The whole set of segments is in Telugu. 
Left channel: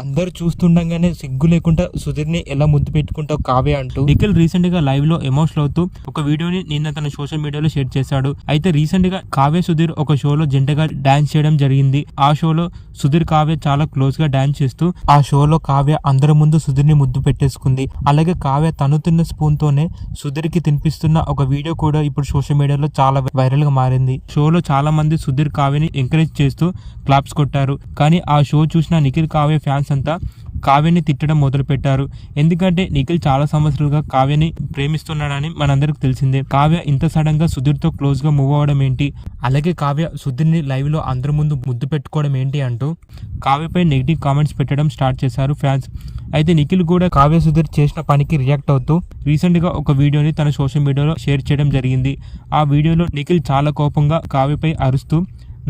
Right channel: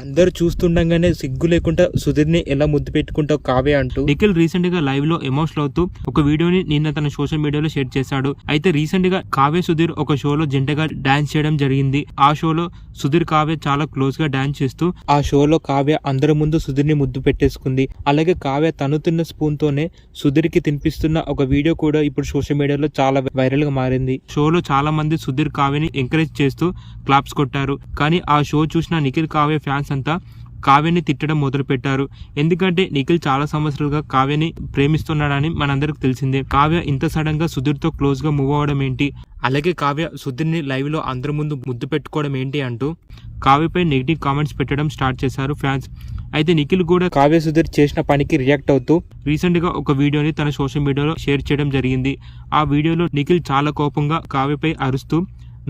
అందరు చూస్తుండగానే సిగ్గు లేకుండా సుధీర్ని ఎలా ముద్దు పెట్టుకుంటావు కావ్య అంటూ నిఖిల్ రీసెంట్ గా లైవ్ లో ఎమోషనల్ అవుతూ ఒక వీడియోని నిన్న తన సోషల్ మీడియాలో షేర్ చేశాడు. అయితే రీసెంట్ గా కావ్య సుధీర్ ఒక షోలో జంటగా డాన్స్ చేయడం జరిగింది. ఆ షోలో సుధీర్ కావ్య చాలా క్లోజ్ గా డాన్స్ చేస్తూ ఆ షోలో కావ్య అందరి ముందు సుధీర్ ని ముద్దు పెట్టేసుకుంది. అలాగే కావ్య తను తిన్న స్పూన్ తోనే సుధీర్ కి తినిపిస్తున్న ఒక వీడియో కూడా ఇప్పుడు సోషల్ మీడియాలో చాలా వైరల్ గా మారింది. షోలో చాలా మంది సుధీర్ కావ్యని ఎంకరేజ్ చేస్తూ క్లాప్స్ కొట్టారు. కానీ ఆ షో చూసిన నిఖిల్ కావ్య ఫ్యాన్స్ అంతా కావ్యని తిట్టడం మొదలు పెట్టారు. ఎందుకంటే నిఖిల్ చాలా సంవత్సరాలుగా కావ్యని ప్రేమిస్తున్నాడని మనందరికి తెలిసిందే. కావ్య ఇంత సడన్ గా సుధీర్ తో క్లోజ్ గా మూవ్ అవడం ఏంటి, అలాగే కావ్య సుధీర్ని లైవ్ లో అందరి ముందు ముద్దు పెట్టుకోవడం ఏంటి అంటూ కావ్యపై నెగిటివ్ కామెంట్స్ పెట్టడం స్టార్ట్ చేశారు ఫ్యాన్స్. అయితే నిఖిల్ కూడా కావ్య సుధీర్ చేసిన పనికి రియాక్ట్ అవుతూ రీసెంట్ గా ఒక వీడియోని తన సోషల్ మీడియాలో షేర్ చేయడం జరిగింది. ఆ వీడియోలో నిఖిల్ చాలా కోపంగా కావ్యపై అరుస్తూ,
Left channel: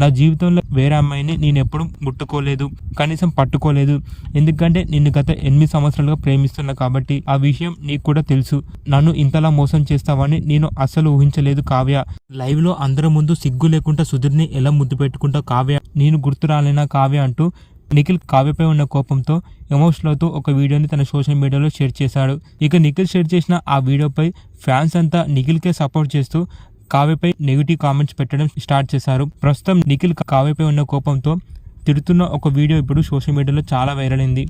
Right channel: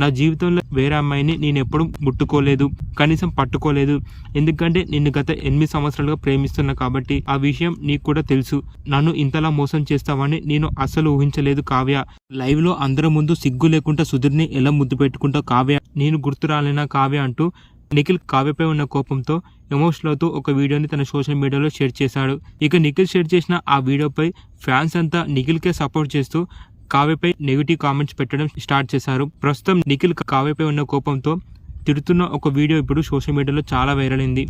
నా జీవితంలో వేరే అమ్మాయిని నేను ఎప్పుడు ముట్టుకోలేదు, కనీసం పట్టుకోలేదు. ఎందుకంటే నిన్ను గత 8 సంవత్సరాలుగా ప్రేమిస్తున్నా కాబట్టి ఆ విషయం నీకు కూడా తెలుసు. నన్ను ఇంతలా మోసం చేస్తావని నేను అస్సలు ఊహించలేదు కావ్య. లైవ్ లో అందరి ముందు సిగ్గు లేకుండా సుధీర్ని ఎలా ముద్దు పెట్టుకుంటావు కావ్య, నేను గుర్తు రాలేనా కావ్య అంటూ నిఖిల్ కావ్యపై ఉన్న కోపంతో ఎమోషనల్ అవుతూ ఒక వీడియోని తన సోషల్ మీడియాలో షేర్ చేశాడు. ఇక నిఖిల్ షేర్ చేసిన ఆ వీడియోపై ఫ్యాన్స్ అంతా నిఖిల్కే సపోర్ట్ చేస్తూ కావ్యపై నెగిటివ్ కామెంట్స్ పెట్టడం స్టార్ట్ చేశారు. ప్రస్తుతం నిఖిల్ కావ్యపై ఉన్న కోపంతో తిడుతున్న ఒక వీడియో ఇప్పుడు సోషల్ మీడియాలో చాలా వైరల్ అయింది.